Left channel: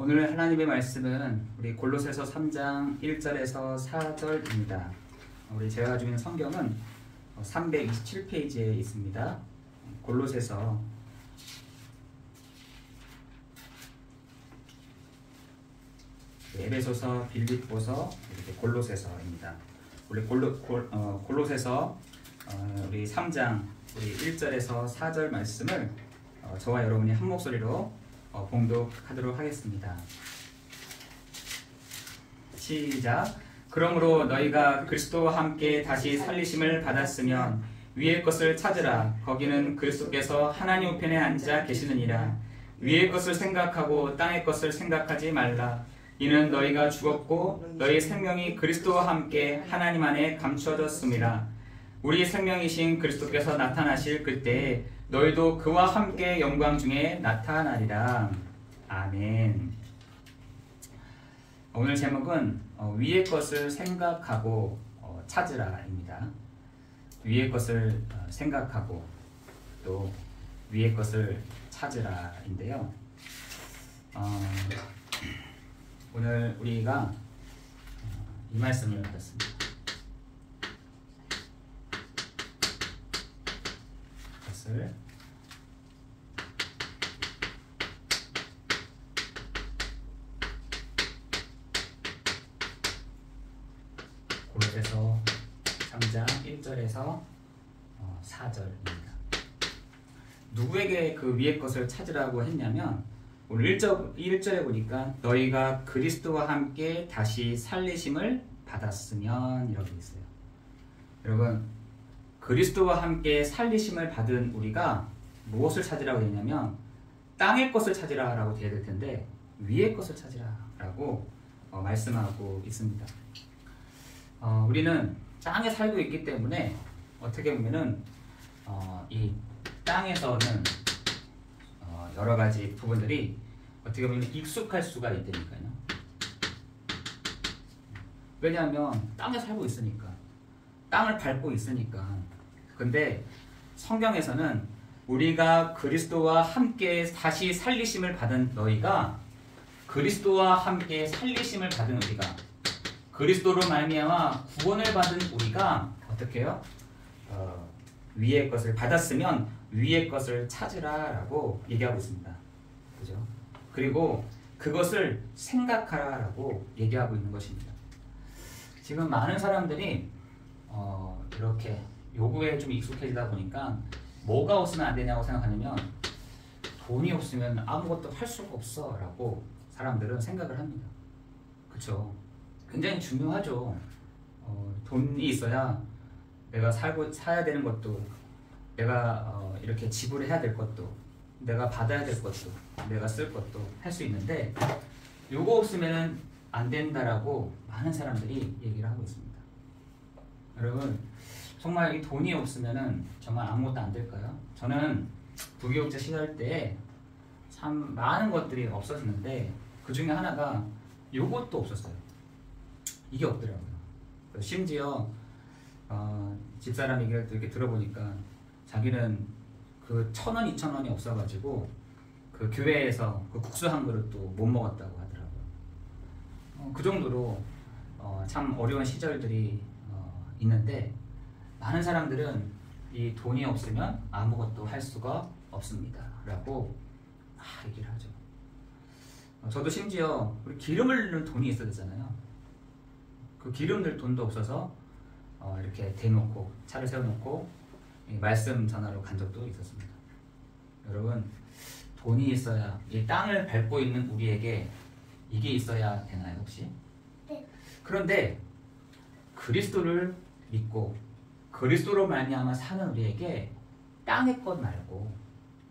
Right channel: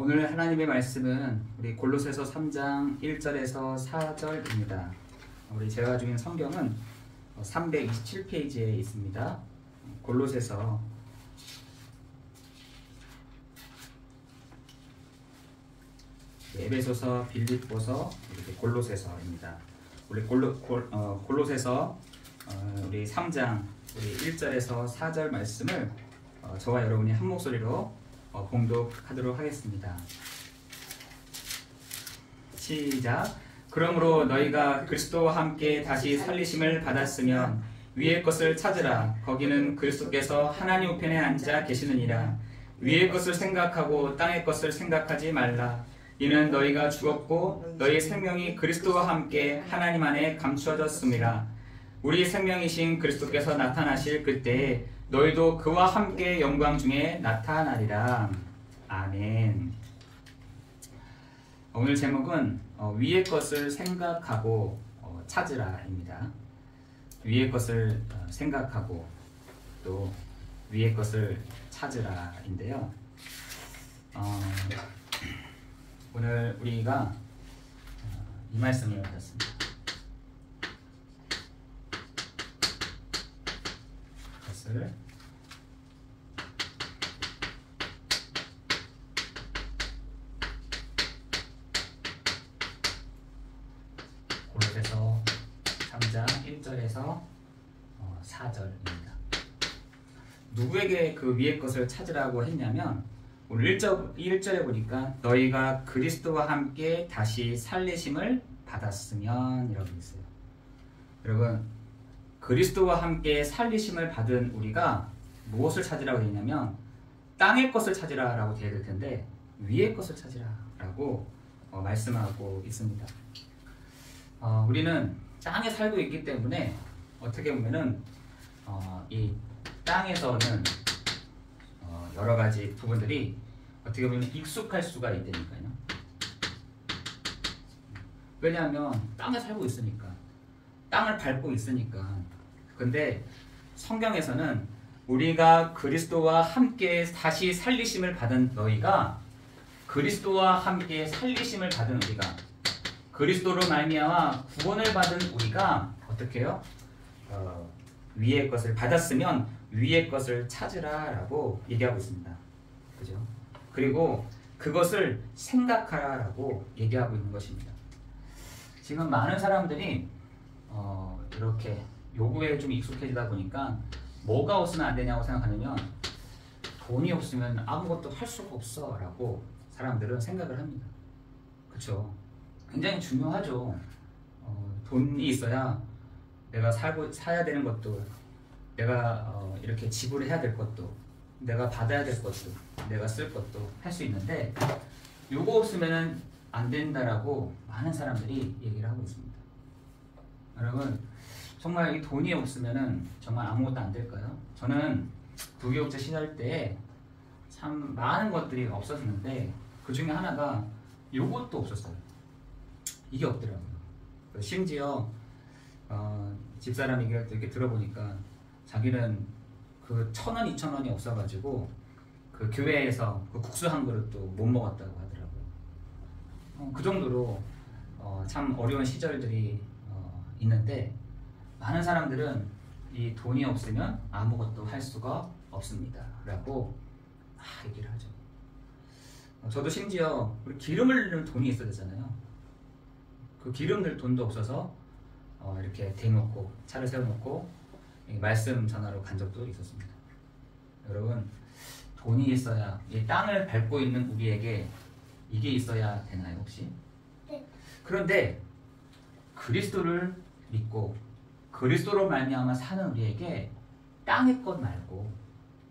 오늘 하나님의 말씀은 우리 골로새서 3장 1절에서 4절입니다. 우리 제가 가지고 있는 성경은 327페이지에 있습니다. 골로새서 에베소서, 빌립보서, 이렇게 골로새서입니다. 우리 골로새서 우리 3장 우리 1절에서 4절 말씀을 저와 여러분이 한 목소리로 봉독하도록 하겠습니다. 시작. 그러므로 너희가 그리스도와 함께 다시 살리심을 받았으면 위의 것을 찾으라. 거기는 그리스도께서 하나님 우편에 앉아 계시느니라. 위의 것을 생각하고 땅의 것을 생각하지 말라. 이는 너희가 죽었고 너희 생명이 그리스도와 함께 하나님 안에 감추어졌음이라. 우리 생명이신 그리스도께서 나타나실 그때에 너희도 그와 함께 영광 중에 나타나리라. 아멘. 오늘 제목은 위의 것을 생각하고 찾으라입니다. 위의 것을 생각하고 또 위의 것을 찾으라인데요. 오늘 우리가 이 말씀을 받았습니다. 것을 골로새서 3장 1절에서 4절입니다. 누구에게 그 위의 것을 찾으라고 했냐면 오늘 1절에 보니까 너희가 그리스도와 함께 다시 살리심을 받았으면 이라고 있어요. 여러분, 그리스도와 함께 살리심을 받은 우리가 무엇을 찾으라고 했냐면 땅의 것을 찾으라라고 되어 있을 텐데 위의 것을 찾으라라고 말씀하고 있습니다. 우리는 땅에 살고 있기 때문에 어떻게 보면은 이 땅에서는 여러 가지 부분들이 어떻게 보면 익숙할 수가 있다니까요. 왜냐하면 땅에 살고 있으니까, 땅을 밟고 있으니까. 근데 성경에서는 우리가 그리스도와 함께 다시 살리심을 받은 너희가, 그리스도와 함께 살리심을 받은 우리가, 그리스도로 말미암아 구원을 받은 우리가 어떻게 해요? 위의 것을 받았으면 위의 것을 찾으라라고 얘기하고 있습니다. 그죠? 그리고 그것을 생각하라라고 얘기하고 있는 것입니다. 지금 많은 사람들이 이렇게 요구에 좀 익숙해지다 보니까 뭐가 없으면 안 되냐고 생각하냐면 돈이 없으면 아무것도 할 수가 없어 라고 사람들은 생각을 합니다. 그렇죠? 굉장히 중요하죠. 돈이 있어야 내가 사야 되는 것도, 내가 이렇게 지불해야 될 것도, 내가 받아야 될 것도, 내가 쓸 것도 할 수 있는데 요거 없으면 안 된다라고 많은 사람들이 얘기를 하고 있습니다. 여러분, 정말 이 돈이 없으면 정말 아무것도 안 될까요? 저는 부교육자 시절 때 참 많은 것들이 없었는데 그 중에 하나가 요것도 없었어요. 이게 없더라고요. 심지어 집사람 얘기를 이렇게 들어보니까 자기는 그 1,000원, 2,000원이 없어가지고 그 교회에서 그 국수 한 그릇도 못 먹었다고 하더라고요. 그 정도로 참 어려운 시절들이 있는데 많은 사람들은 이 돈이 없으면 아무것도 할 수가 없습니다 라고 얘기를 하죠. 저도 심지어 우리 기름을 넣는 돈이 있어야 되잖아요. 그 기름 넣을 돈도 없어서 이렇게 대놓고 차를 세워놓고 말씀 전하러 간 적도 있었습니다. 여러분, 돈이 있어야, 이 땅을 밟고 있는 우리에게 이게 있어야 되나요 혹시? 네. 그런데 그리스도를 믿고 그리스도로 말미암아 사는 우리에게 땅의 것 말고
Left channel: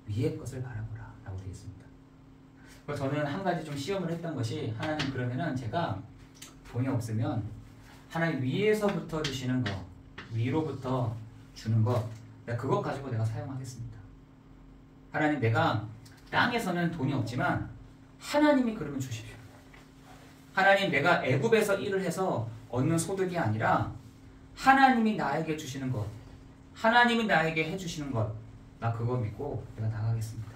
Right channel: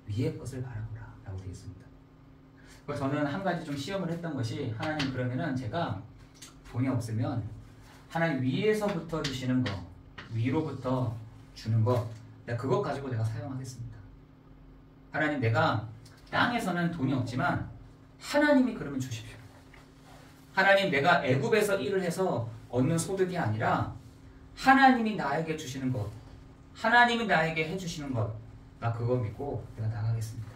위의 것을 바라보라 라고 되어 있습니다. 저는 한 가지 좀 시험을 했던 것이, 하나님 그러면은 제가 돈이 없으면 하나님 위에서부터 주시는 거, 위로부터 주는 거, 내가 그것 가지고 내가 사용하겠습니다. 하나님, 내가 땅에서는 돈이 없지만 하나님이 그러면 주십시오. 하나님, 내가 애굽에서 일을 해서 얻는 소득이 아니라 하나님이 나에게 주시는 것, 하나님이 나에게 해주시는 것, 나 그거 믿고 내가 나가겠습니다.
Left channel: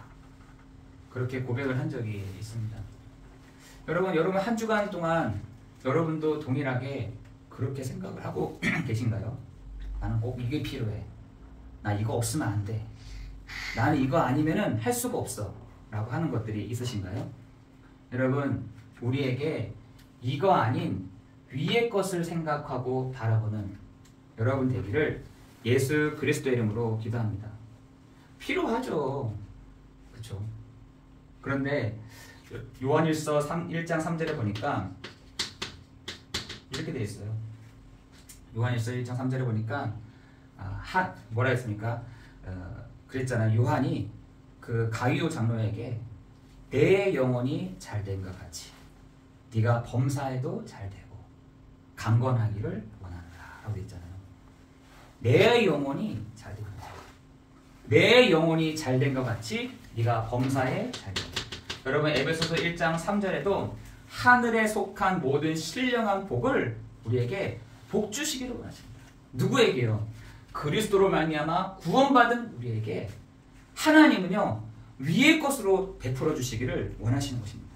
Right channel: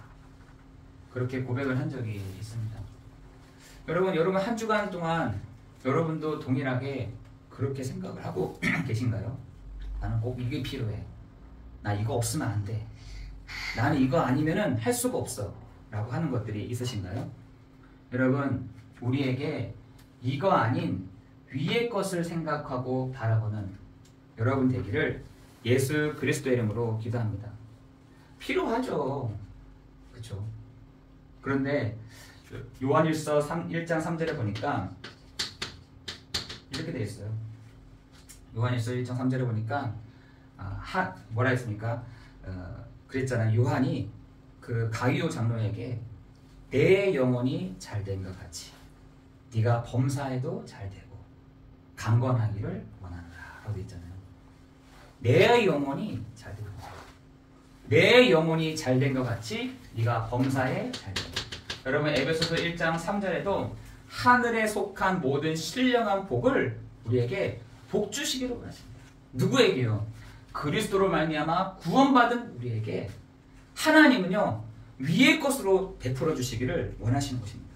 그렇게 고백을 한 적이 있습니다. 여러분 한 주간 동안 여러분도 동일하게 그렇게 생각을 하고 계신가요? 나는 꼭 이게 필요해. 나 이거 없으면 안 돼. 나는 이거 아니면은 할 수가 없어. 라고 하는 것들이 있으신가요? 여러분, 우리에게 이거 아닌 위의 것을 생각하고 바라보는 여러분 되기를 예수 그리스도의 이름으로 기도합니다. 필요하죠. 그렇죠? 그런데 요한일서 1장 3절에 보니까 이렇게 되어 있어요. 요한일서 1장 3절에 보니까 뭐라 했습니까? 그랬잖아요. 요한이 그 가이오 장로에게 내 영혼이 잘된 것 같이 네가 범사에도 잘되고 강건하기를 원한다 라고 되어 있잖아요. 내 영혼이 잘되고 내 영혼이 잘된 것 같이 네가 범사에 잘되고. 여러분 에베소서 1장 3절에도 하늘에 속한 모든 신령한 복을 우리에게 복 주시기를 원하십니다. 누구에게요? 그리스도로 말미암아 구원받은 우리에게 하나님은요 위의 것으로 베풀어 주시기를 원하시는 것입니다.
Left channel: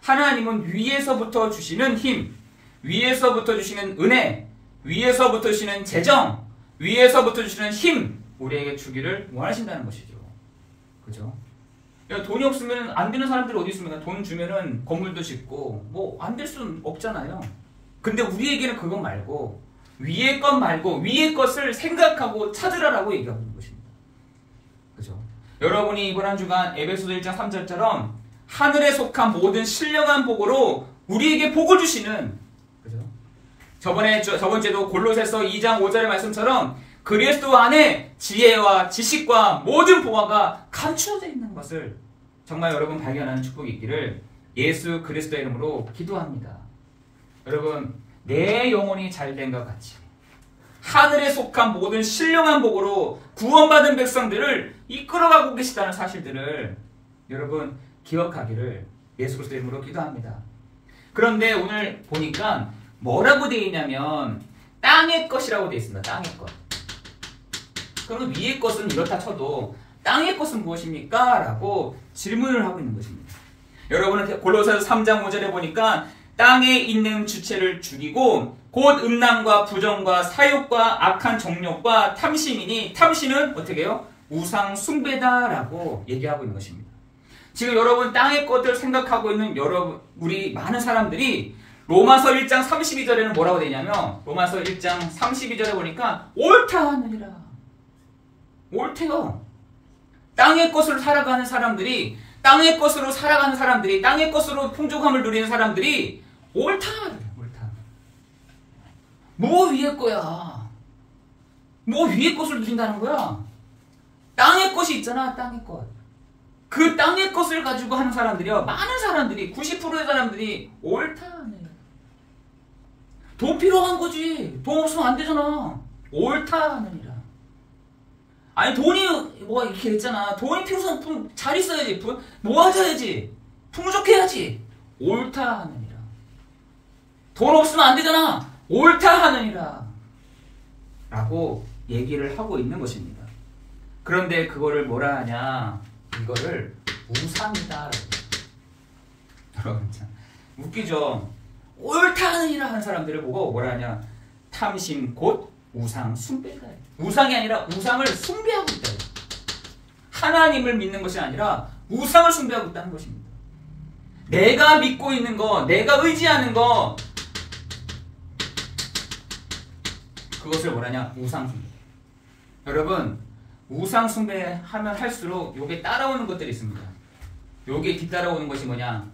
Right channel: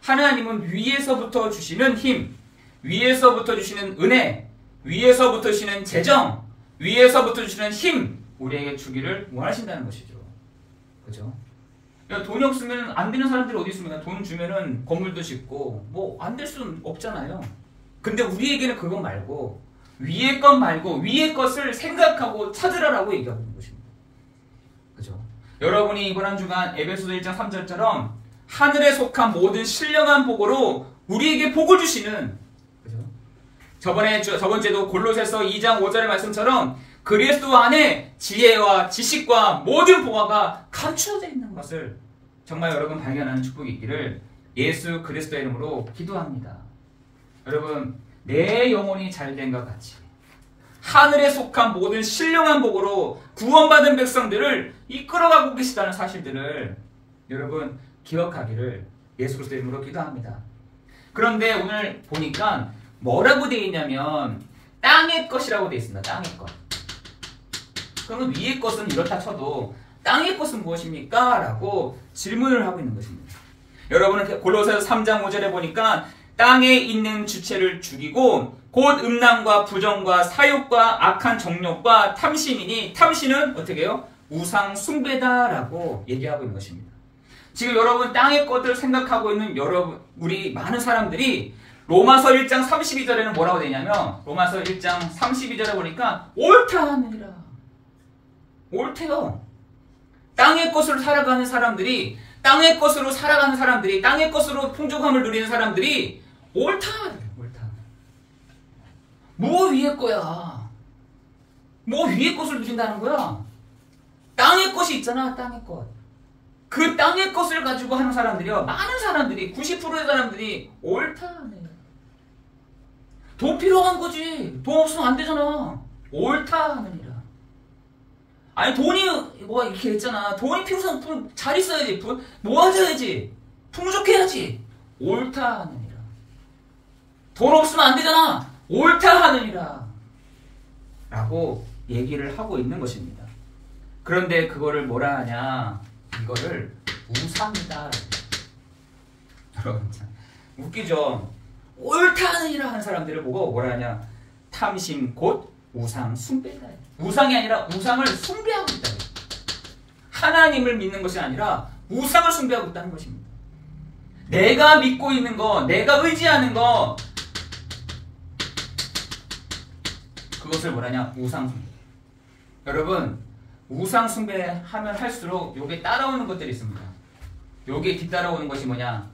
하나님은 위에서부터 주시는 힘, 위에서부터 주시는 은혜, 위에서부터 주시는 재정, 위에서부터 주시는 힘 우리에게 주기를 원하신다는 것이죠. 그죠? 돈이 없으면 안 되는 사람들이 어디 있습니까? 돈 주면은 건물도 짓고 뭐 안 될 수는 없잖아요. 근데 우리에게는 그것 말고 위의 것 말고 위의 것을 생각하고 찾으라라고 얘기하고 있는 것입니다. 그죠? 여러분이 이번 한 주간 에베소서 1장 3절처럼 하늘에 속한 모든 신령한 복으로 우리에게 복을 주시는, 그죠? 저번 주에도 골로새서 2장 5절의 말씀처럼 그리스도 안에 지혜와 지식과 모든 보화가 감추어져 있는 것을 정말 여러분 발견하는 축복이 있기를 예수 그리스도의 이름으로 기도합니다. 여러분, 내 영혼이 잘된 것 같이 하늘에 속한 모든 신령한 복으로 구원받은 백성들을 이끌어가고 계시다는 사실들을 여러분 기억하기를 예수 그리스도의 이름으로 기도합니다. 그런데 오늘 보니까 뭐라고 되어 있냐면 땅의 것이라고 되어 있습니다. 땅의 것. 그럼 위의 것은 이렇다 쳐도 땅의 것은 무엇입니까? 라고 질문을 하고 있는 것입니다. 여러분은 골로새서 3장 5절에 보니까 땅에 있는 주체를 죽이고 곧 음란과 부정과 사욕과 악한 정욕과 탐심이니 탐심은 어떻게 해요? 우상 숭배다라고 얘기하고 있는 것입니다. 지금 여러분 땅의 것들을 생각하고 있는 우리 많은 사람들이 로마서 1장 32절에는 뭐라고 되냐면 로마서 1장 32절에 보니까 옳다 하느니라. 옳대요. 땅의 것으로 살아가는 사람들이 땅의 것으로 살아가는 사람들이 땅의 것으로 풍족함을 누리는 사람들이 옳다. 옳다. 뭐 위의 거야. 뭐 위의 것을 누린다는 거야. 땅의 것이 있잖아. 땅의 것. 그 땅의 것을 가지고 하는 사람들이요. 많은 사람들이 90%의 사람들이 옳다. 돈 필요한 거지. 돈 없으면 안 되잖아. 옳다 하느니라. 아니 돈이 뭐 이렇게 했잖아. 돈이 필요성 잘 있어야지. 모아져야지. 풍족해야지. 옳다 하느니라. 돈 없으면 안 되잖아. 옳다 하느니라. 라고 얘기를 하고 있는 것입니다. 그런데 그거를 뭐라 하냐. 이거를 우상이다. 여러분 참 웃기죠. 옳다 하느니라 하는 사람들을 보고 뭐라 하냐. 탐심 곧 우상 숭배다. 우상이 아니라 우상을 숭배하고 있다. 하나님을 믿는 것이 아니라 우상을 숭배하고 있다는 것입니다. 내가 믿고 있는 거, 내가 의지하는 거, 그것을 뭐라냐? 우상 숭배. 여러분, 우상 숭배하면 할수록 요게 따라오는 것들이 있습니다. 요게 뒤따라오는 것이 뭐냐?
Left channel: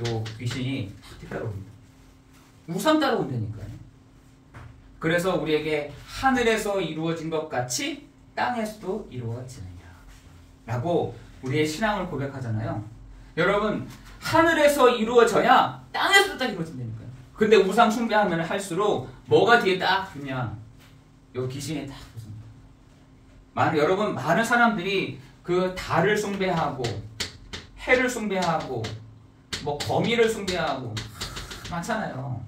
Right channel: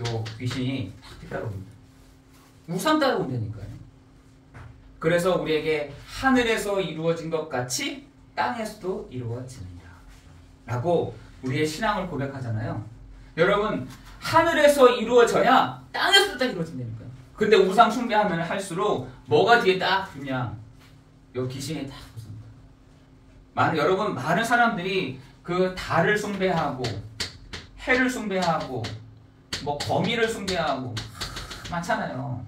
요 귀신이 뒤따라옵니다. 우상 따라온다니까요. 그래서 우리에게 하늘에서 이루어진 것 같이 땅에서도 이루어지느니라 라고 우리의 신앙을 고백하잖아요. 여러분, 하늘에서 이루어져야 땅에서도 딱 이루어진다니까요. 근데 우상 숭배하면 할수록 뭐가 뒤에 딱 붙냐? 요 귀신이 딱 붙습니다. 여러분, 많은 사람들이 그 달을 숭배하고 해를 숭배하고 뭐 거미를 숭배하고 많잖아요.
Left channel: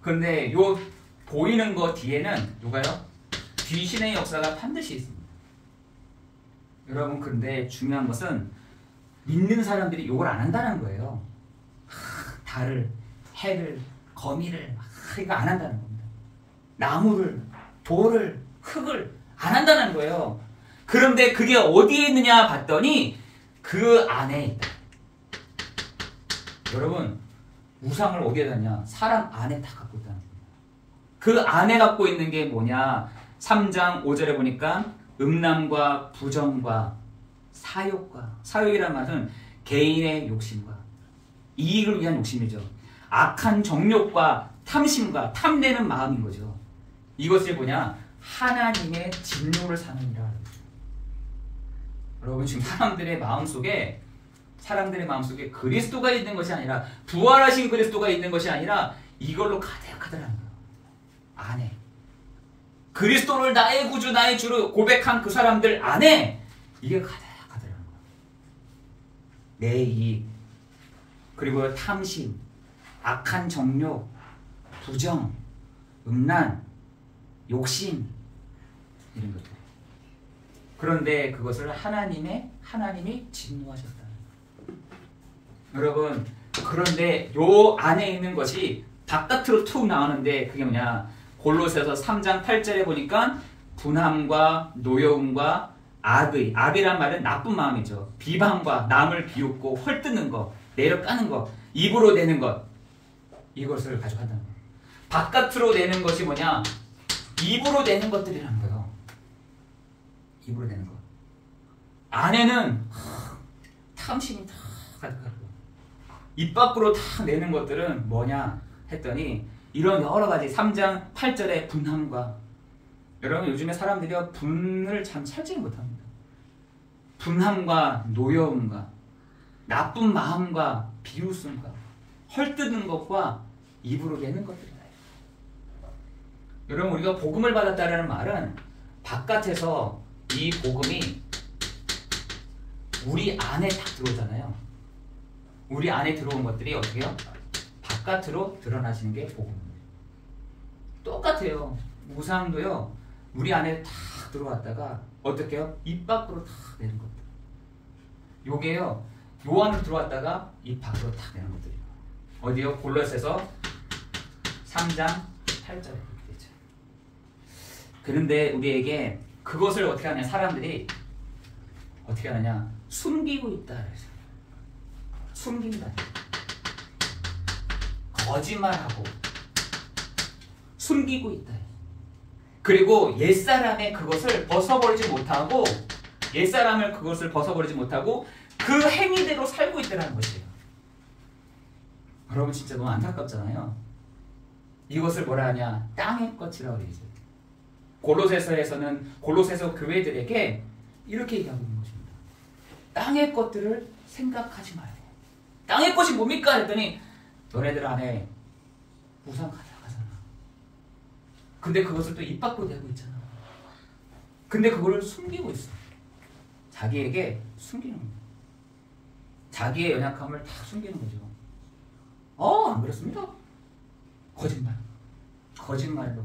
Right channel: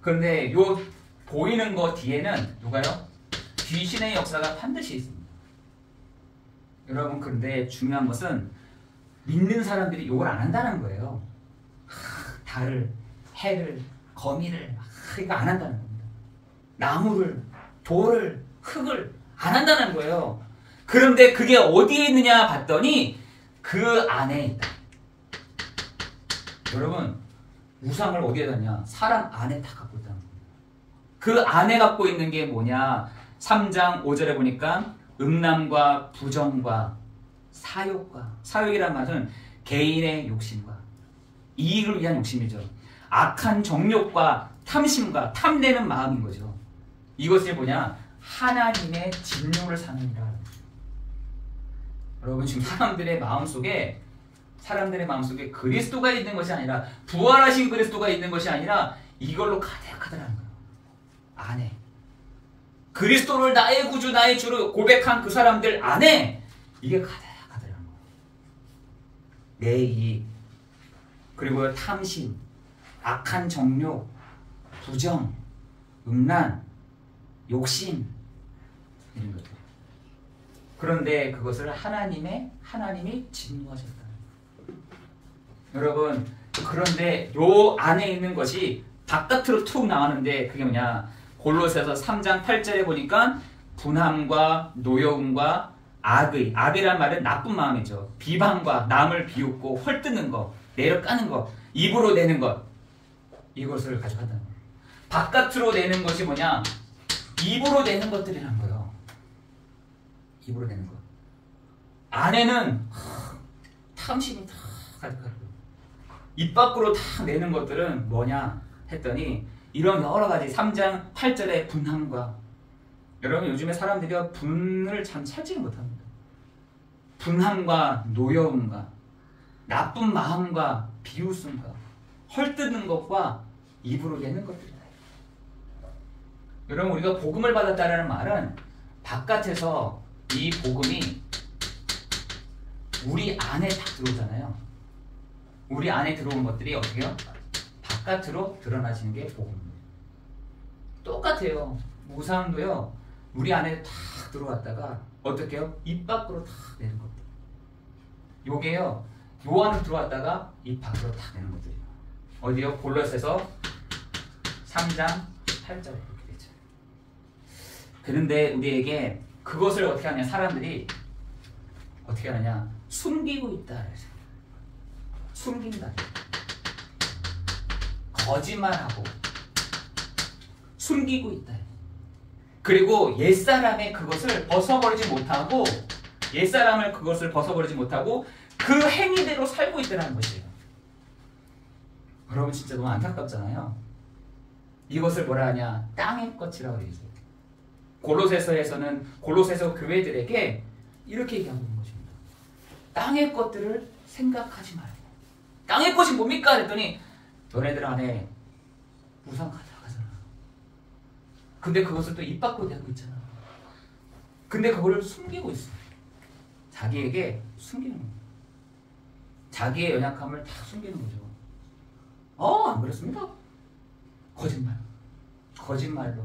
근데 요 보이는 거 뒤에는 누가요? 귀신의 역사가 반드시 있습니다. 여러분, 근데 중요한 것은 믿는 사람들이 이걸 안 한다는 거예요. 달을, 해를, 거미를 이거 안 한다는 겁니다. 나무를, 돌을, 흙을 안 한다는 거예요. 그런데 그게 어디에 있느냐 봤더니 그 안에 있다. 여러분, 우상을 어디에 뒀냐? 사람 안에 다 갖고 있다는 겁니다. 그 안에 갖고 있는 게 뭐냐? 3장 5절에 보니까 음란과 부정과 사욕과, 사욕이라는 말은 개인의 욕심과 이익을 위한 욕심이죠. 악한 정욕과 탐심과 탐내는 마음인 거죠. 이것을 뭐냐? 하나님의 진노를 사느니라. 여러분, 지금 사람들의 마음속에 그리스도가 있는 것이 아니라, 부활하신 그리스도가 있는 것이 아니라 이걸로 가득하더라는 거예요. 안에 그리스도를 나의 구주, 나의 주로 고백한 그 사람들 안에 이게 가득하더라는 거예요. 내 이익, 그리고 탐심, 악한 정욕, 부정, 음란, 욕심, 이런 것들. 그런데 그것을 하나님이 진노하셨다. 여러분, 그런데 요 안에 있는 것이 바깥으로 툭 나가는데 그게 뭐냐? 골로새서 3장 8절에 보니까 분함과 노여움과 악이란 말은 나쁜 마음이죠. 비방과 남을 비웃고 헐뜯는 것, 내려 까는 것, 입으로 내는 것, 이것을 가져간다는 거예요. 바깥으로 내는 것이 뭐냐? 입으로 내는 것들이란 거예요. 입으로 내는 것. 안에는 탐심이 다 가득하고, 입 밖으로 다 내는 것들은 뭐냐 했더니 이런 여러 가지 3장 8절의 분함과, 여러분 요즘에 사람들이 분을 참 참지 못합니다. 분함과 노여움과 나쁜 마음과 비웃음과 헐뜯는 것과 입으로 내는 것들이다. 여러분, 우리가 복음을 받았다는 말은 바깥에서 이 복음이 우리 안에 딱 들어오잖아요. 우리 안에 들어온 것들이 어떻게 해요? 바깥으로 드러나시는 게 복음입니다. 똑같아요. 우상도요, 우리 안에 탁 들어왔다가 어떻게 해요? 입 밖으로 탁 내는 것들. 요게요, 요 안으로 들어왔다가 입 밖으로 탁 내는 것들이에요. 어디요? 골로새서 3장 8절에 그렇게 되죠. 그런데 우리에게 그것을 어떻게 하냐? 사람들이 어떻게 하느냐? 숨기고 있다. 그래서 숨긴다. 거짓말하고 숨기고 있다. 그리고 옛사람의 그것을 벗어버리지 못하고, 옛사람을 그것을 벗어버리지 못하고 그 행위대로 살고 있다는 것이에요. 여러분, 진짜 너무 안타깝잖아요. 이것을 뭐라 하냐? 땅의 것이라고 되어 있어요. 골로새서 교회들에게 이렇게 얘기하고 있는 것입니다. 땅의 것들을 생각하지 말고. 땅의 것이 뭡니까? 했더니 너네들 안에 우상 가득하잖아. 근데 그것을 또 입 밖으로 내고 있잖아. 근데 그거를 숨기고 있어. 자기에게 숨기는 거예요. 자기의 연약함을 다 숨기는 거죠. 안 그렇습니다. 거짓말로.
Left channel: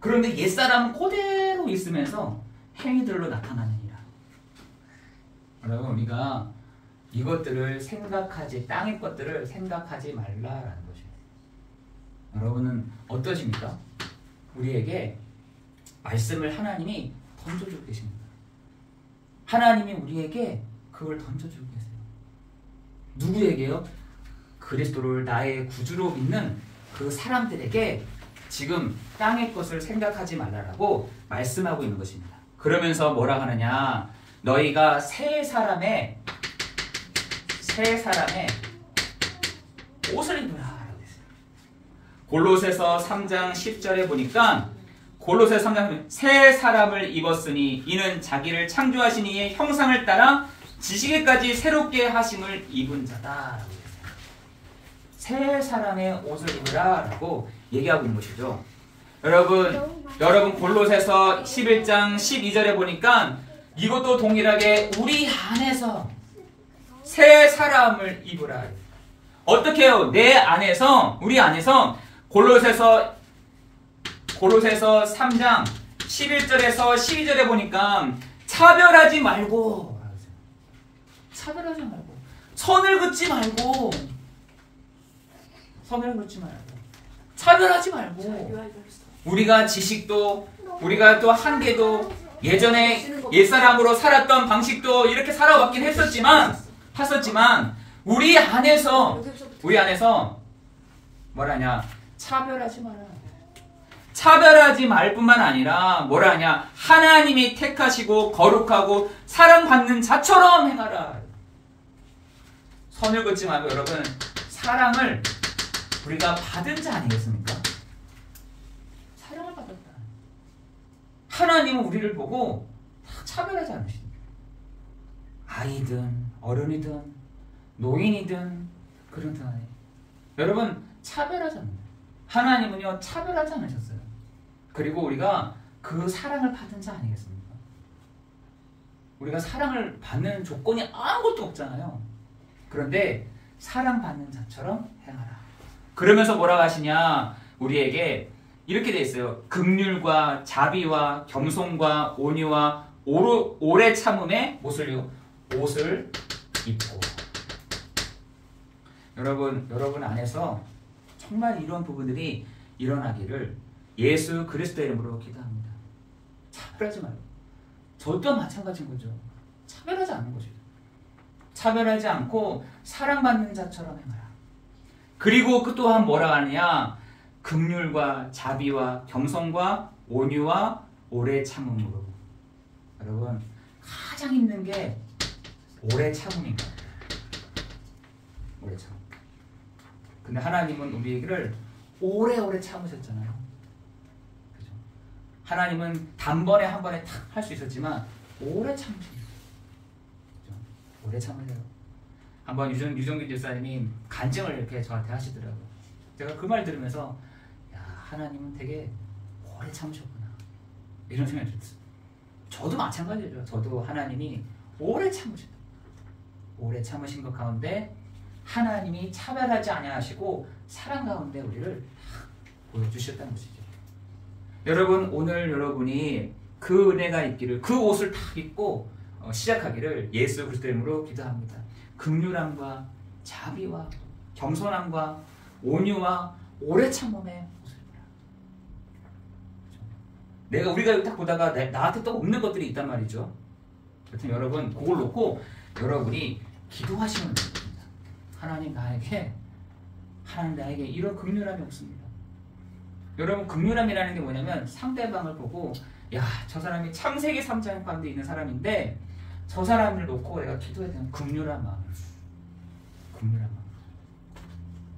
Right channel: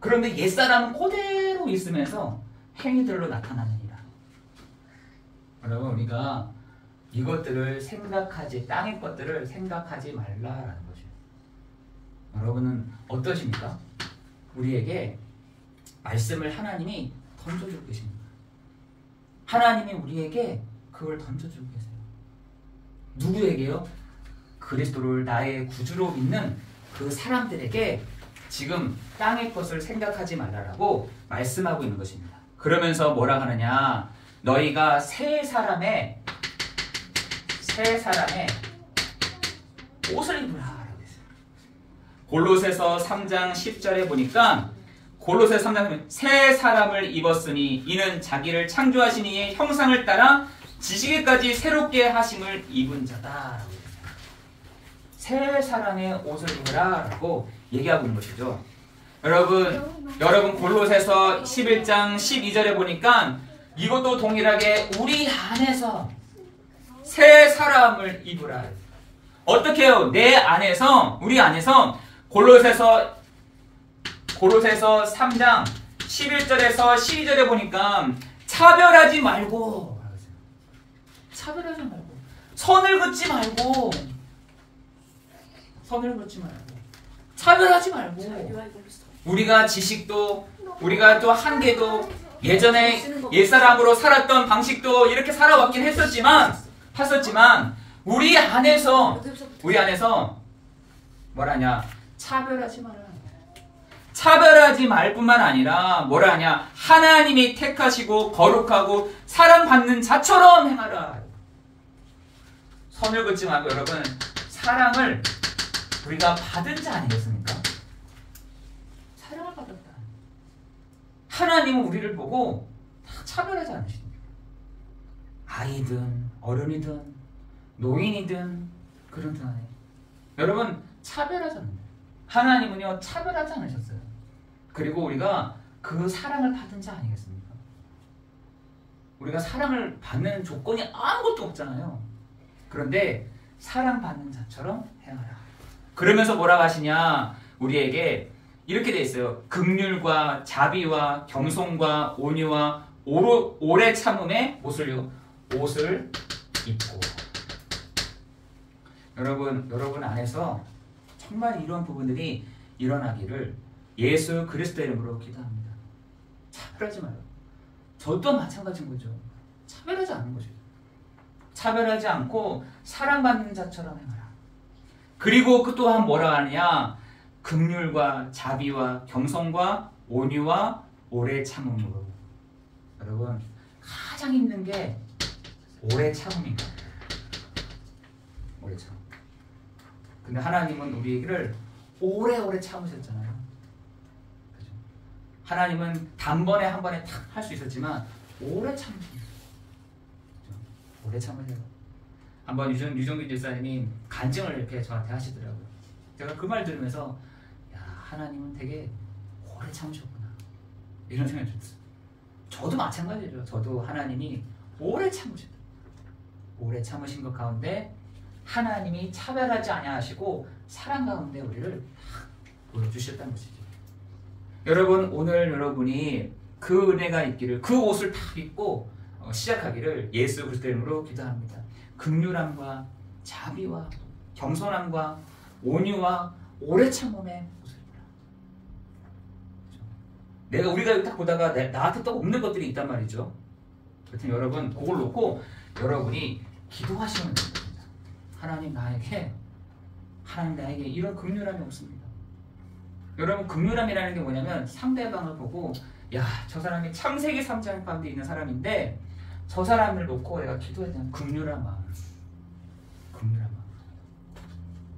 그런데 옛사람은 그대로 있으면서 행위들로 나타나느니라. 여러분, 우리가 이것들을 땅의 것들을 생각하지 말라라는 거죠. 여러분은 어떠십니까? 우리에게 말씀을 하나님이 던져주고 계십니다. 하나님이 우리에게 그걸 던져주고 계세요. 누구에게요? 그리스도를 나의 구주로 믿는 그 사람들에게 지금 땅의 것을 생각하지 말라라고 말씀하고 있는 것입니다. 그러면서 뭐라 하느냐? 너희가 새 사람의 옷을 입으라. 골로새서 3장 10절에 보니까, 골로새서 3장 새 사람을 입었으니 이는 자기를 창조하신 이의 형상을 따라 지시기까지 새롭게 하심을 입은 자다. 새 사람의 옷을 입으라 라고 얘기하고 있는 것이죠. 여러분 골로새서 11장 12절에 보니까 이것도 동일하게 우리 안에서 새 사람을 입으라. 어떻게 해요? 우리 안에서 골로새서 3장 11절에서 12절에 보니까 차별하지 말고 선을 긋지 말고 선을 긋지 말고 차별하지 말고 우리가 지식도 우리가 또 한계도 예전에 옛사람으로 살았던 방식도 이렇게 살아왔긴 했었지만 우리 안에서 뭐라냐 차별하지 마라. 차별하지 말 뿐만 아니라 뭐라냐 하나님이 택하시고 거룩하고 사랑받는 자처럼 행하라. 선을 긋지 말고 여러분 사랑을 우리가 받은 자 아니겠습니까? 사랑을 받았다. 하나님은 우리를 보고 다 차별하지 않으십니다. 아이든 어른이든 노인이든 그런 등 안에 여러분 차별하지 않는다. 하나님은요 차별하지 않으셨어요. 그리고 우리가 그 사랑을 받은 자 아니겠습니까? 우리가 사랑을 받는 조건이 아무것도 없잖아요. 그런데 사랑받는 자처럼 행하라. 그러면서 뭐라고 하시냐 우리에게 이렇게 돼 있어요. 긍휼과 자비와 겸손과 온유와 오래 참음의 옷을 입고. 여러분 안에서 정말 이런 부분들이 일어나기를 예수 그리스도의 이름으로 기도합니다. 차별하지 말고. 저도 마찬가지인 거죠. 차별하지 않는 것이죠. 차별하지 않고 사랑받는 자처럼 행하라. 그리고 그 또한 뭐라 하느냐 긍휼과 자비와 겸손과 온유와 오래 참음으로. 여러분 가장 힘든 게 오래 참음인가. 오래 참음. 근데 하나님은 우리를 오래오래 참으셨잖아요. 그죠? 하나님은 단번에 한 번에 탁 할 수 있었지만 오래 참으셨어요. 그죠? 오래 참으세요. 한번 유종기 집사님이 간증을 이렇게 저한테 하시더라고요. 제가 그 말 들으면서 야 하나님은 되게 오래 참으셨구나 이런 생각이 들었어요. 저도 마찬가지죠. 저도 하나님이 오래 참으셨다. 오래 참으신 것 가운데 하나님이 차별하지 아니하시고 사랑 가운데 우리를 보여주셨다는 것이죠. 여러분 오늘 여러분이 그 은혜가 있기를 그 옷을 다 입고 시작하기를 예수 그리스도의 이름으로 기도합니다. 긍휼함과 자비와 겸손함과 온유와 오래 참음의 옷을 입으라. 우리가 딱 보다가 나한테 또 없는 것들이 있단 말이죠. 여튼 여러분 그걸 놓고 여러분이 기도하시면 됩니다. 하나님 나에게 이런 긍휼함이 없습니다. 여러분 긍휼함이라는 게 뭐냐면 상대방을 보고 야 저 사람이 창세기 3장 가운데 있는 사람인데 저 사람을 놓고 내가 기도해야 되는 긍휼한 마음.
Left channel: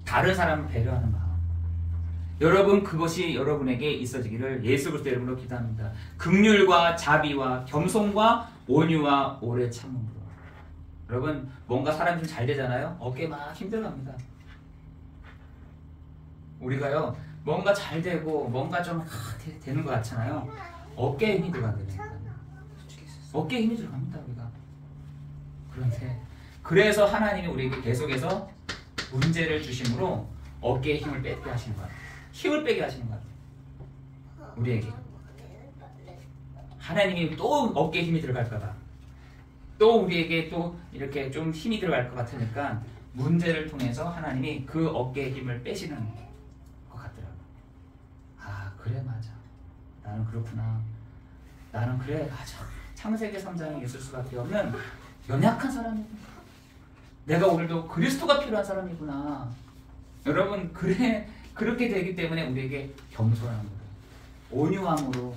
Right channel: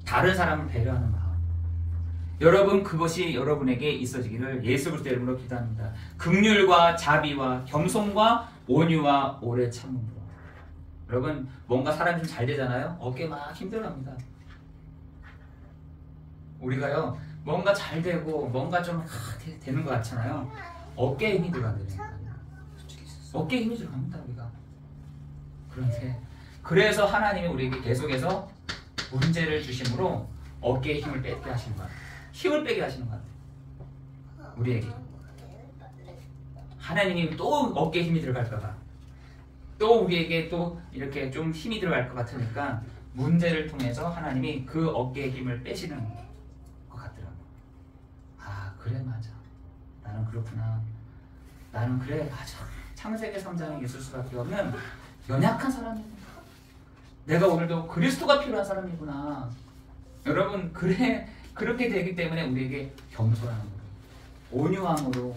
다른 사람을 배려하는 마음. 여러분 그것이 여러분에게 있어지기를 예수 그리스도의 이름으로 기도합니다. 긍휼과 자비와 겸손과 온유와 오래 참음으로. 여러분 뭔가 사람이 좀 잘 되잖아요. 어깨 막 힘들어합니다. 우리가요 뭔가 잘 되고 뭔가 좀 되는 것 같잖아요. 어깨에 힘이 들어간다니까. 어깨에 힘이 들어갑니다 우리가. 그런데 그래서 하나님이 우리에게 계속해서 문제를 주심으로 어깨에 힘을 빼게 하시는 거예요. 힘을 빼게 하시는 거예요. 우리에게. 하나님이 또 어깨에 힘이 들어갈까봐. 또 우리에게 또 이렇게 좀 힘이 들어갈 것 같으니까 문제를 통해서 하나님이 그 어깨의 힘을 빼시는 것 같더라고요. 아 그래 맞아. 나는 그렇구나. 나는 그래 맞아. 창세기 3장에 있을 수밖에 없는 연약한 사람이구나. 내가 오늘도 그리스도가 필요한 사람이구나. 여러분 그렇게 되기 때문에 우리에게 겸손함으로 온유함으로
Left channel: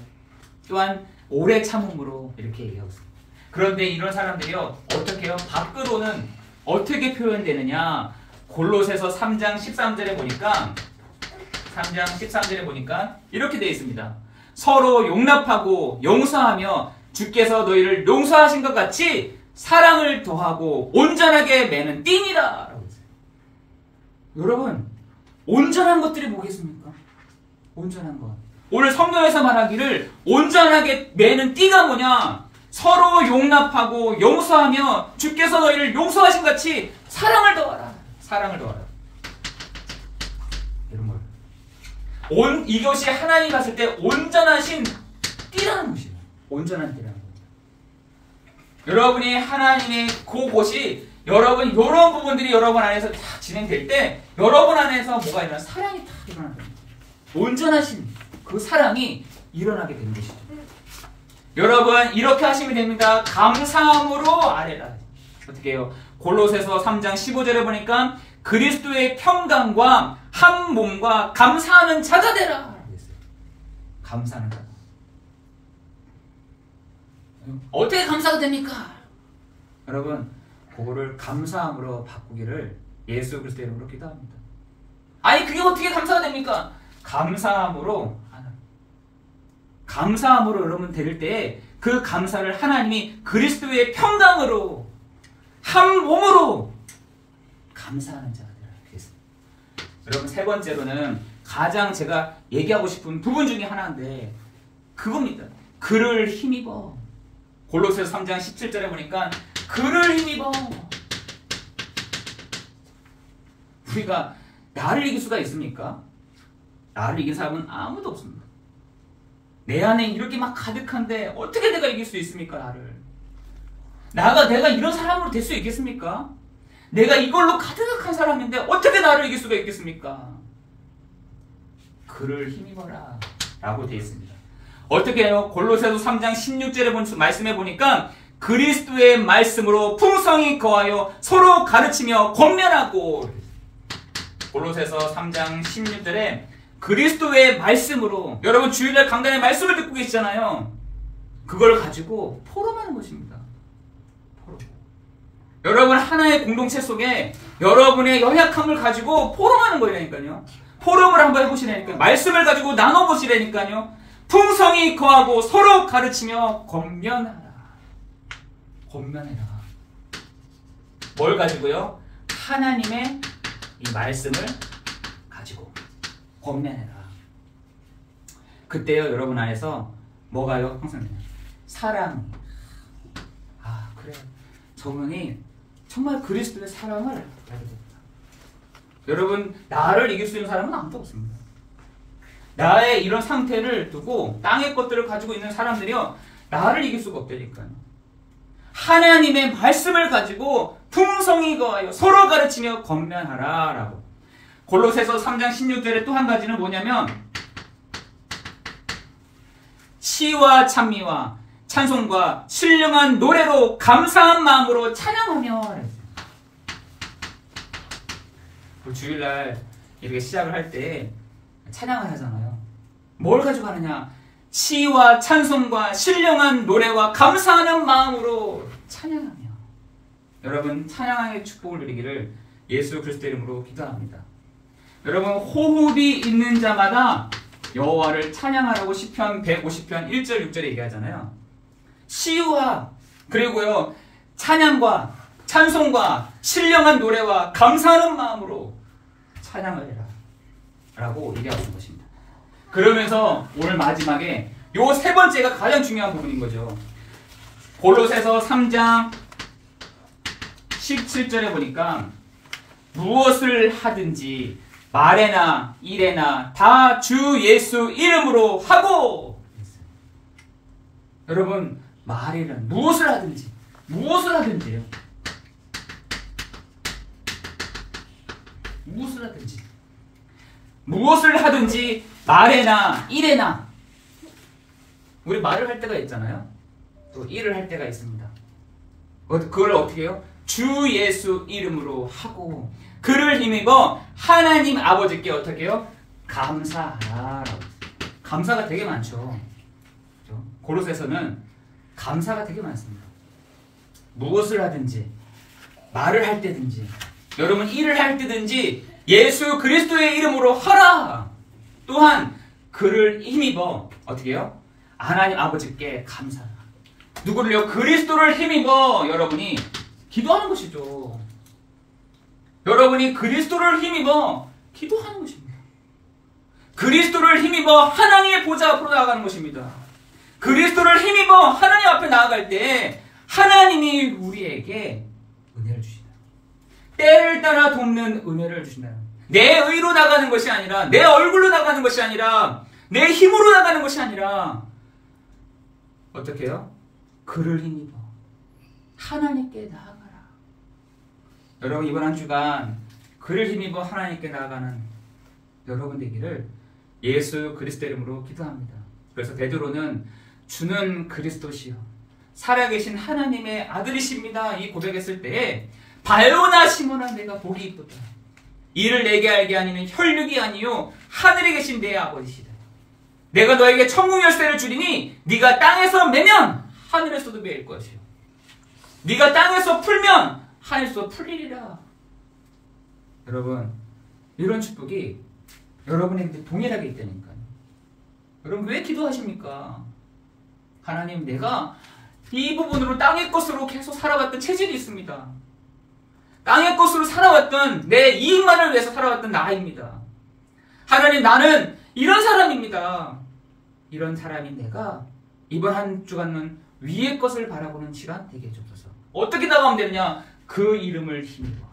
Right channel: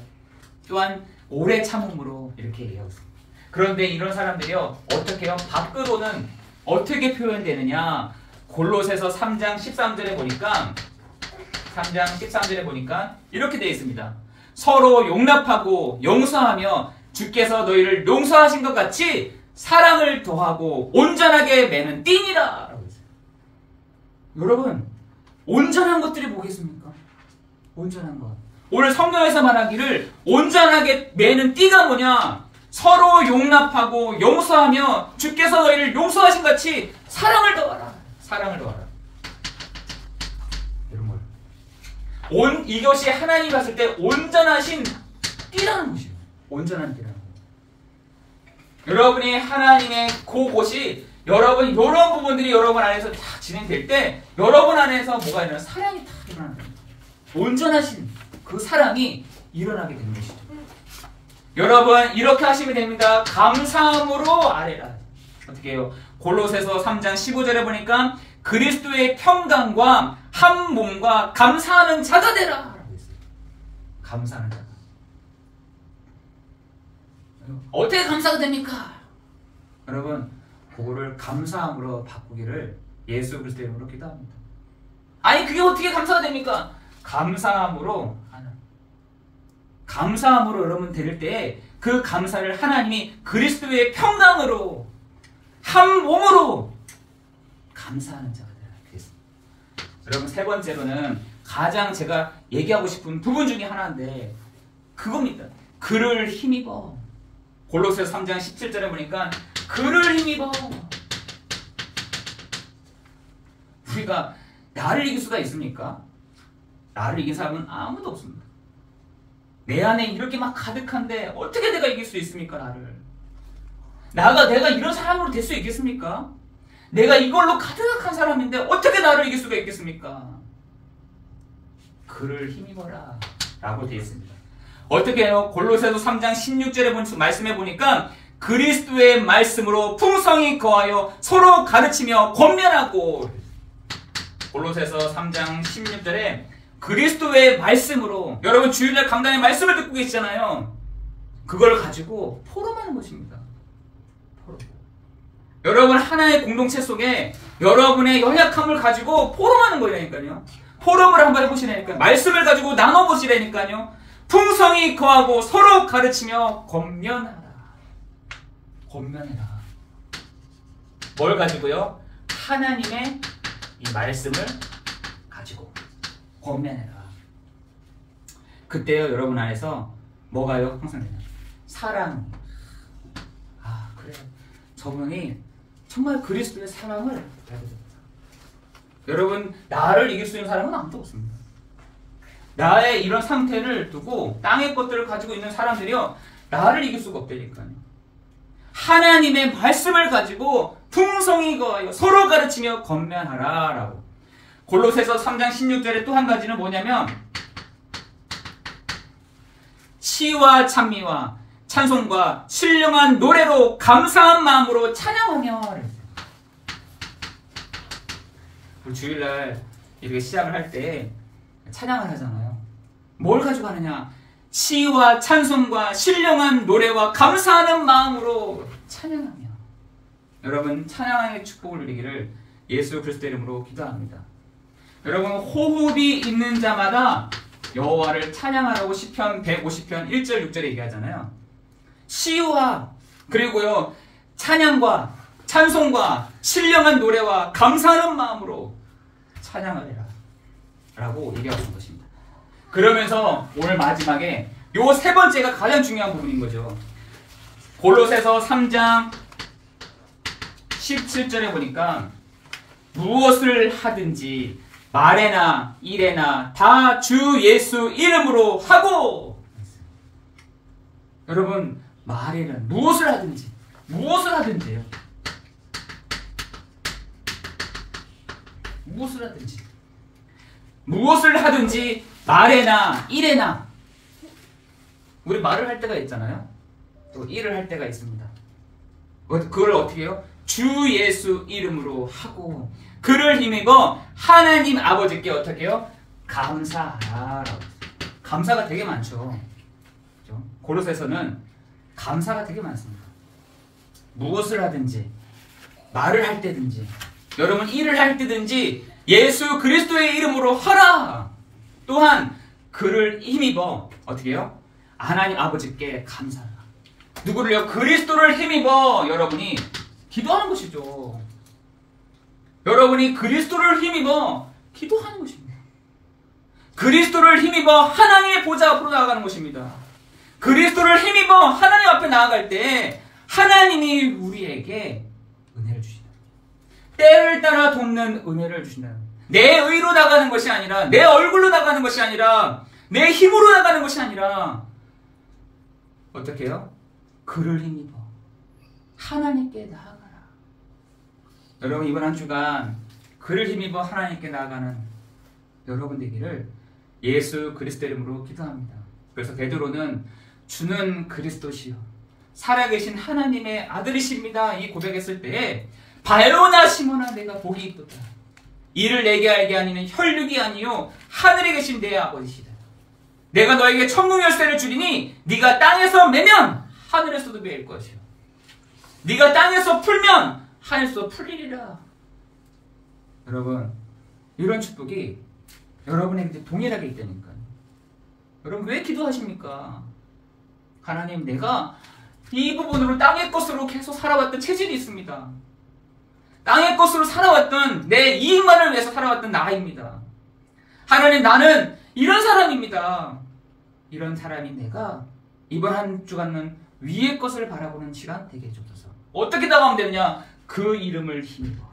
또한 오래 참음으로 이렇게 얘기하고 있습니다. 그런데 이런 사람들이요 어떻게 해요? 밖으로는 어떻게 표현되느냐. 골로새서 3장 13절에 보니까 이렇게 되어 있습니다. 서로 용납하고 용서하며 주께서 너희를 용서하신 것 같이 사랑을 더하고 온전하게 매는 띠니라 라고 했어요. 여러분 온전한 것들이 뭐겠습니까? 온전한 것. 오늘 성경에서 말하기를 온전하게 매는 띠가 뭐냐? 서로 용납하고 용서하며 주께서 너희를 용서하신 같이 사랑을 더하라. 사랑을 더하라. 이런 걸. 이것이 하나님 봤을 때 온전하신 띠라는 것이에요. 온전한 띠라는 것. 여러분이 하나님의 그곳이 여러분 이런 부분들이 여러분 안에서 다 진행될 때 여러분 안에서 뭐가 일어나? 사랑이 다 일어난다. 온전하신 그 사랑이 일어나게 되는 것이죠. 여러분 이렇게 하시면 됩니다. 감사함으로 아뢰라. 어떻게 해요? 골로새서 3장 15절에 보니까 그리스도의 평강과 한 몸과 감사하는 자가 되라. 감사하는 자가. 어떻게 감사가 됩니까? 여러분 그거를 감사함으로 바꾸기를 예수 그리스도의 이름으로 기도합니다. 아니 그게 어떻게 감사가 됩니까? 감사함으로 감사함으로 여러분 드릴 때 그 감사를 하나님이 그리스도의 평강으로 한 몸으로 감사하는 자가 되라. 그랬습니다. 여러분 세 번째로는 가장 제가 얘기하고 싶은 부분 중에 하나인데 그겁니다. 그를 힘입어. 골로새서 3장 17절에 보니까 그를 힘입어. 우리가 나를 이길 수가 있습니까? 나를 이긴 사람은 아무도 없습니다. 내 안에 이렇게 막 가득한데 어떻게 내가 이길 수 있습니까? 내가 이런 사람으로 될 수 있겠습니까? 내가 이걸로 가득한 사람인데 어떻게 나를 이길 수가 있겠습니까? 그를 힘입어라 라고 되어 있습니다. 어떻게 해요? 골로새서 3장 16절에 말씀해 보니까 그리스도의 말씀으로 풍성히 거하여 서로 가르치며 권면하고. 골로새서 3장 16절에 그리스도의 말씀으로, 여러분 주일날 강단의 말씀을 듣고 계시잖아요. 그걸 가지고 포럼하는 것입니다. 포럼. 여러분 하나의 공동체 속에 여러분의 연약함을 가지고 포럼하는 거라니까요. 포럼을 한번 해보시라니까요. 말씀을 가지고 나눠보시라니까요. 풍성히 거하고 서로 가르치며 권면하라. 권면해라. 뭘 가지고요? 하나님의 이 말씀을 가지고 권면해라. 그때요 여러분 안에서 뭐가요? 항상 사랑. 아 그래, 저분이 정말 그리스도의 사랑을 해야 됩니다. 여러분 나를 이길 수 있는 사람은 아무도 없습니다. 나의 이런 상태를 두고 땅의 것들을 가지고 있는 사람들이요 나를 이길 수가 없다니까요. 하나님의 말씀을 가지고 풍성히 거하여 서로 가르치며 권면하라 라고. 골로새서 3장 16절에 또 한 가지는 뭐냐면 시와 찬미와 찬송과 신령한 노래로 감사한 마음으로 찬양하며. 주일날 이렇게 시작을 할 때 찬양을 하잖아요. 뭘 가지고 하느냐? 시와 찬송과 신령한 노래와 감사하는 마음으로 찬양하며. 여러분 찬양의 축복을 누리기를 예수 그리스도 이름으로 기도합니다. 여러분 호흡이 있는 자마다 여호와를 찬양하라고 시편 150편 1절 6절에 얘기하잖아요. 시와 그리고요 찬양과 찬송과 신령한 노래와 감사하는 마음으로 찬양을 해라 라고 얘기하고 있는 것입니다. 그러면서 오늘 마지막에 요 세 번째가 가장 중요한 부분인 거죠. 골로새서 3장 17절에 보니까 무엇을 하든지 말에나 일에나 다 주 예수 이름으로 하고. 여러분 말에는 무엇을 하든지, 무엇을 하든지요. 무엇을 하든지, 무엇을 하든지 말에나 일에나. 우리 말을 할 때가 있잖아요. 또 일을 할 때가 있습니다. 그걸 어떻게 해요? 주 예수 이름으로 하고 그를 힘입어 하나님 아버지께 어떻게 해요? 감사하라. 감사가 되게 많죠. 그렇죠? 골로새서는 감사가 되게 많습니다. 무엇을 하든지 말을 할 때든지 여러분 일을 할 때든지 예수 그리스도의 이름으로 하라. 또한 그를 힘입어 어떻게 해요? 하나님 아버지께 감사하라. 누구를요? 그리스도를 힘입어 여러분이 기도하는 것이죠. 여러분이 그리스도를 힘입어 기도하는 것입니다. 그리스도를 힘입어 하나님의 보좌 앞으로 나아가는 것입니다. 그리스도를 힘입어 하나님 앞에 나아갈 때 하나님이 우리에게 은혜를 주신다. 때를 따라 돕는 은혜를 주신다. 내 의로 나가는 것이 아니라, 내 얼굴로 나가는 것이 아니라, 내 힘으로 나가는 것이 아니라 어떻게 해요? 그를 힘입어 하나님께 나아가라. 여러분 이번 한 주간 그를 힘입어 하나님께 나아가는 여러분 되기를 예수 그리스도 이름으로 기도합니다. 그래서 베드로는 주는 그리스도시요 살아계신 하나님의 아들이십니다 이 고백했을 때에 바요나 시몬아 내가 복이 있도다. 이를 내게 알게 하니는 혈육이 아니요 하늘에 계신 내 아버지시다. 내가 너에게 천국 열쇠를 주리니 네가 땅에서 매면 하늘에서도 매일 것이요 네가 땅에서 풀면 하늘에서 풀리리라. 여러분 이런 축복이 여러분에게 동일하게 있다니까요. 여러분 왜 기도하십니까? 하나님 내가 이 부분으로 땅의 것으로 계속 살아왔던 체질이 있습니다. 땅의 것으로 살아왔던 내 이익만을 위해서 살아왔던 나입니다. 하나님 나는 이런 사람입니다. 이런 사람인 내가 이번 한 주간은 위의 것을 바라보는 시간 되게 해주소서. 어떻게 나가면 되느냐? 그 이름을 힘입어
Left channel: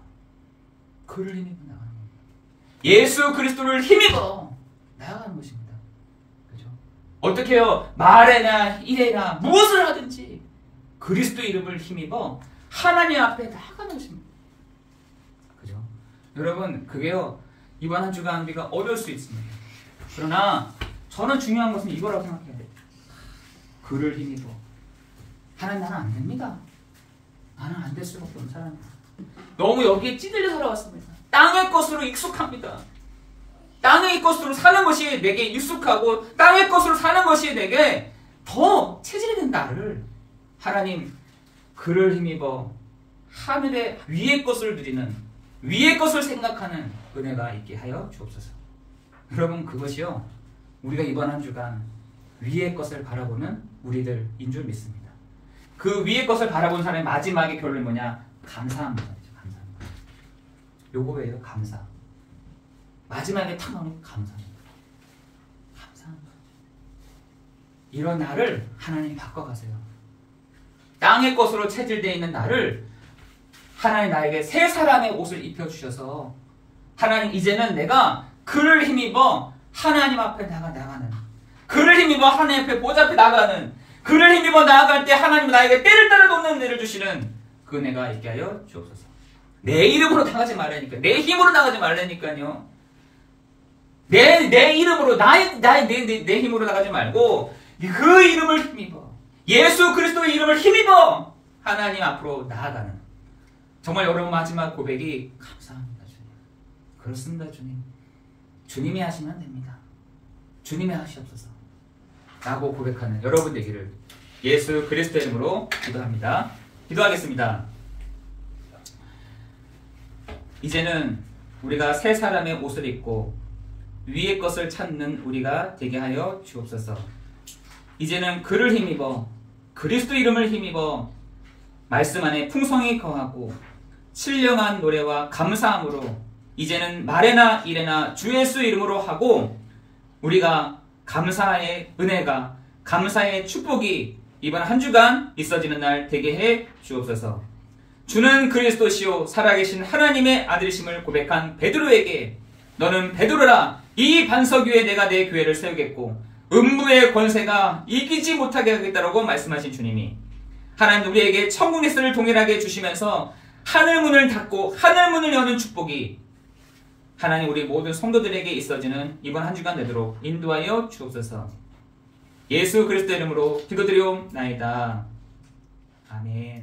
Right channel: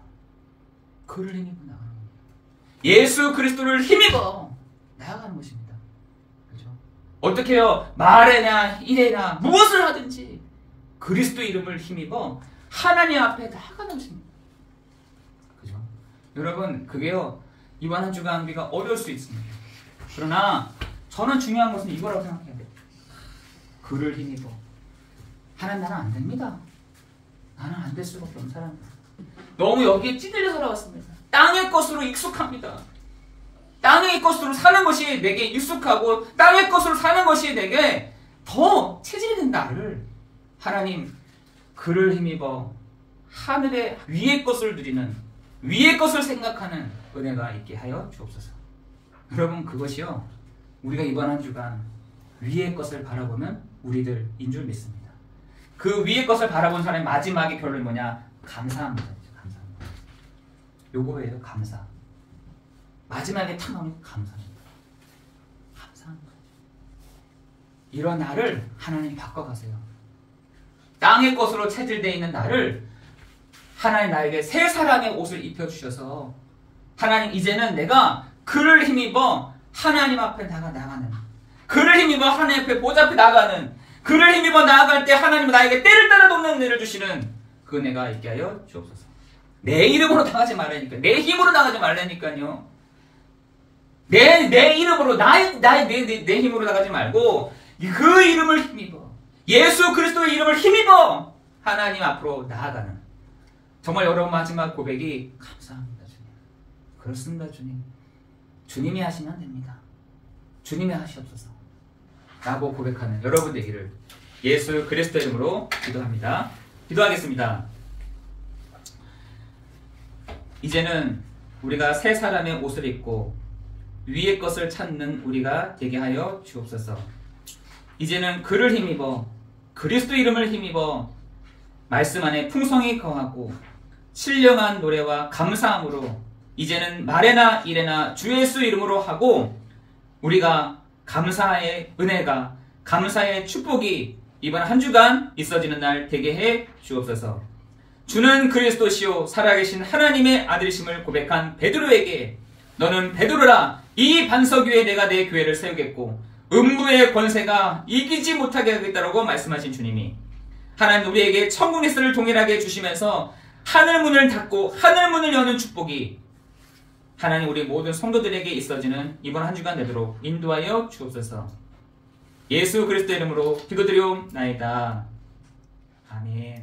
그를 힘입어 나가는 겁니다. 예수 그리스도를 힘입어 나아가는 것입니다. 그죠? 어떻게 해요? 말에나 일에나 무엇을 하든지 그리스도 이름을 힘입어 하나님 앞에 나아가는 것입니다. 그죠? 여러분 그게요 이번 한 주간 우리가 어려울 수 있습니다. 그러나 저는 중요한 것은 이거라고 생각해야 돼요. 그를 힘입어 하나님 나는 안 됩니다. 나는 안 될 수밖에 없는 사람이다. 너무 여기에 찌들려 살아왔습니다. 땅의 것으로 익숙합니다. 땅의 것으로 사는 것이 내게 익숙하고 땅의 것으로 사는 것이 내게 더 체질이 된 나를 하나님 그를 힘입어 하늘의 위의 것을 누리는 위의 것을 생각하는 은혜가 있게 하여 주옵소서. 여러분 그것이요 우리가 이번 한 주간 위의 것을 바라보는 우리들인 줄 믿습니다. 그 위의 것을 바라본 사람의 마지막의 결론이 뭐냐? 감사합니다. 감사합니다. 요거예요. 감사. 마지막에 탁 나오는 감사합니다. 감사합니다. 이런 나를 하나님 바꿔가세요. 땅의 것으로 체질되어 있는 나를 하나님 나에게 새 사람의 옷을 입혀주셔서 하나님 이제는 내가 그를 힘입어 하나님 앞에 나가는 그를 힘입어 하나님 앞에 보좌 앞에 나가는 그를 힘입어 나아갈 때 하나님은 나에게 때를 따라 돕는 은혜를 주시는 그 은혜가 있게 하여 주옵소서. 내 이름으로 나가지 말라니까. 내 힘으로 나가지 말라니까요. 내 이름으로 내 힘으로 나가지 말고 그 이름을 힘입어 예수 그리스도의 이름을 힘입어 하나님 앞으로 나아가는 정말 여러분 마지막 고백이 감사합니다 주님. 그렇습니다 주님. 주님이 하시면 됩니다. 주님이 하시옵소서 라고 고백하는 여러분 되기를 예수 그리스도 이름으로 기도합니다. 기도하겠습니다. 이제는 우리가 새 사람의 옷을 입고 위의 것을 찾는 우리가 되게 하여 주옵소서. 이제는 그를 힘입어 그리스도 이름을 힘입어 말씀 안에 풍성히 거하고 신령한 노래와 감사함으로 이제는 말에나 일에나 주 예수 이름으로 하고 우리가 감사의 은혜가 감사의 축복이 이번 한 주간 있어지는 날 되게 해 주옵소서. 주는 그리스도시요 살아계신 하나님의 아들이심을 고백한 베드로에게 너는 베드로라 이 반석 위에 내가 내 교회를 세우겠고 음부의 권세가 이기지 못하게 하겠다라고 말씀하신 주님이 하나님 우리에게 천국 리스를 동일하게 주시면서 하늘문을 닫고 하늘문을 여는 축복이 하나님 우리 모든 성도들에게 있어지는 이번 한 주간 되도록 인도하여 주옵소서. 예수 그리스도 이름으로 기도드리옵나이다. 아멘.